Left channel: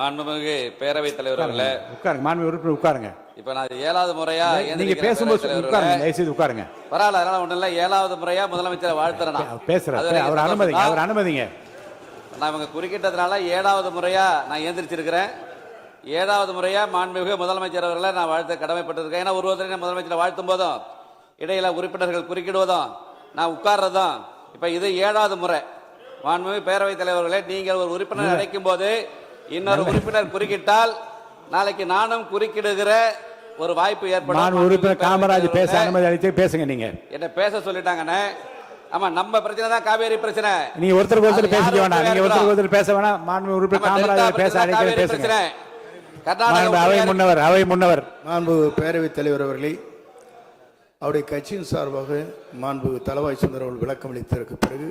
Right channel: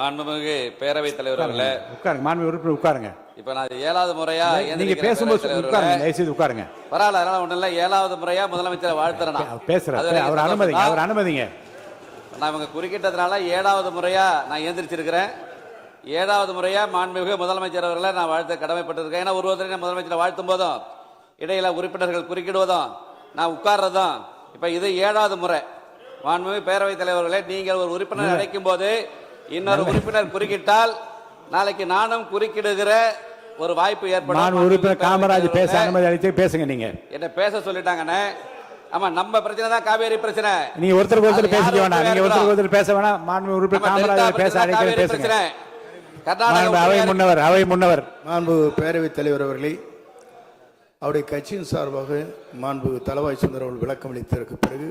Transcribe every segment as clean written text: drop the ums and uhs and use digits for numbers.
மாண்புமிகு பேரவைத் தலைவர் அவர்களே, உட்காருங்க. மாண்புமிகு உறுப்பினர் உட்காருங்க. இப்ப நான் 7வது முறையா நீங்க பேசும்போது உட்காருங்க, தயவுசெய்து உட்காருங்க. பரவாயில்ல, அதனால ஒண்ணு இல்ல. 7வது முறையா முதலமைச்சரை வாழ்த்துறேன். பேசுறேன், அவர் அனுமதிங்க, அவர் அனுமதிங்க. நான் இவங்க குறுக்கிட்டதுனால 7வது முறையா நான் எந்திரிச்சிருக்கிறேன். 7வது முறையா மாண்புமிகு முதலமைச்சர் அவர்களை நான் வாழ்த்த கடமைப்பட்டிருக்கேன். ஏன்னா ஒருவரை முதலமைச்சரை வாழ்த்தும் போதும் இடையில உறுப்பினர்கள் குறுக்கிடுவதும் நான் உட்கார்றதும் இப்ப இது 7வது முறை. மாண்புமிகு பேரவைத் தலைவர்களே, நீங்கள் ஒரு உறுப்பினர் அழைக்கும் போது இன்னொரு உறுப்பினர் குறுக்கிட்டால் நாளைக்கு நானும் குறுக்கிடுகிற ஒரு வாய்ப்பு ஏற்படும். உறுப்பினர் காமராஜ் பேச அனுமதி அளித்து பேசுங்க. நீங்க என்ன பேச சொல்லிட்டாங்கன்னு. ஆமா, நம்ம பிரச்சனை தான் காவேரி பிரச்சனை. நீங்க ஒருத்தருக்கு ஒருத்தர் பேசிக்க வேண்டாம், நீங்க ஒருத்தருக்கு ஒருத்தர் பேச வேணாம். மாண்பு உறுப்பினர் காமராஜ் பேச அழைத்து பேசுங்க. அவை முன்னவர் மாண்பு பேரவைத் தலைவர் அவர்களே, அவருடைய கட்சியின் சார்பாக மாண்பு தளவாய் சுந்தர் அவர்கள் விளக்கம் அளித்ததற்கு பிறகு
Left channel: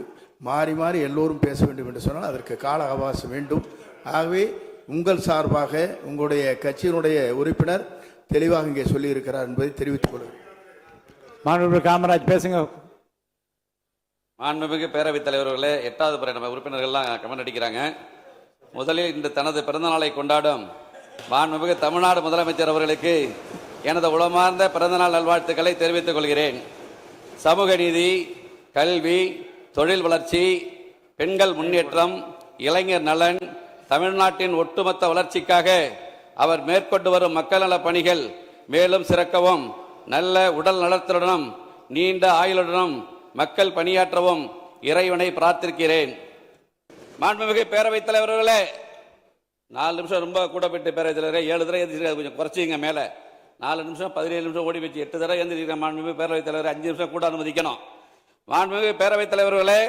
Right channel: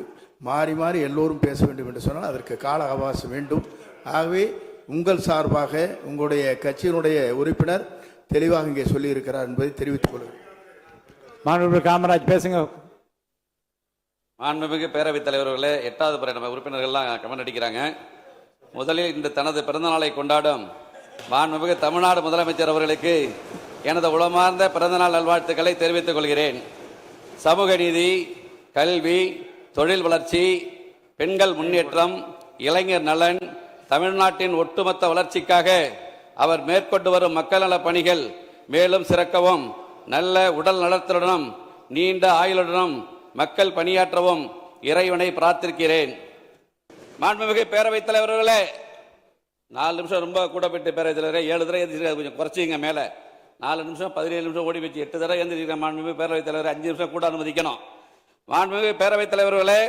மாறி மாறி எல்லோரும் பேச வேண்டும் என்று சொன்னால் அதற்கு கால அவகாசம் வேண்டும். ஆகவே உங்கள் சார்பாக உங்களுடைய கட்சியினுடைய உறுப்பினர் தெளிவாக இங்கே சொல்லி இருக்கிறார் என்பதை தெரிவித்துக் கொள்கிறேன். மாண்புமிகு காமராஜ் பேசுங்க. மாண்புமிகு பேரவைத் தலைவர்களே, 8வது முறை நம்ம உறுப்பினர்கள்லாம் கமெண்ட் அடிக்கிறாங்க. முதலில் இந்த தனது பிறந்த நாளை கொண்டாடும் மாண்புமிகு தமிழ்நாடு முதலமைச்சர் அவர்களுக்கு எனது உளமார்ந்த பிறந்தநாள் நல்வாழ்த்துக்களை தெரிவித்துக் கொள்கிறேன். சமூக நீதி, கல்வி, தொழில் வளர்ச்சி, பெண்கள் முன்னேற்றம், இளைஞர் நலன், தமிழ்நாட்டின் ஒட்டுமொத்த வளர்ச்சிக்காக அவர் மேற்கொண்டு வரும் மக்கள் நல பணிகள் மேலும் சிறக்கவும், நல்ல உடல் நலத்துடனும் நீண்ட ஆயுளுடனும் மக்கள் பணியாற்றவும் இறைவனை பிரார்த்திக்கிறேன். மாண்புமிகு பேரவைத் தலைவர்களே, 4 நிமிஷம் ரொம்ப கூட போயிட்டு பேரவைத் தலைவரே, 7 தடவை கொஞ்சம் குறைச்சிங்க. மேல 4 நிமிஷம் 17 நிமிஷம் ஓடி வச்சு 8 தடவை எழுந்திருக்கிற மாண்புமிகு பேரவைத் தலைவர் 5 நிமிஷம் கூட அனுமதிக்கணும். மாண்புமிகு பேரவைத் தலைவர்களே,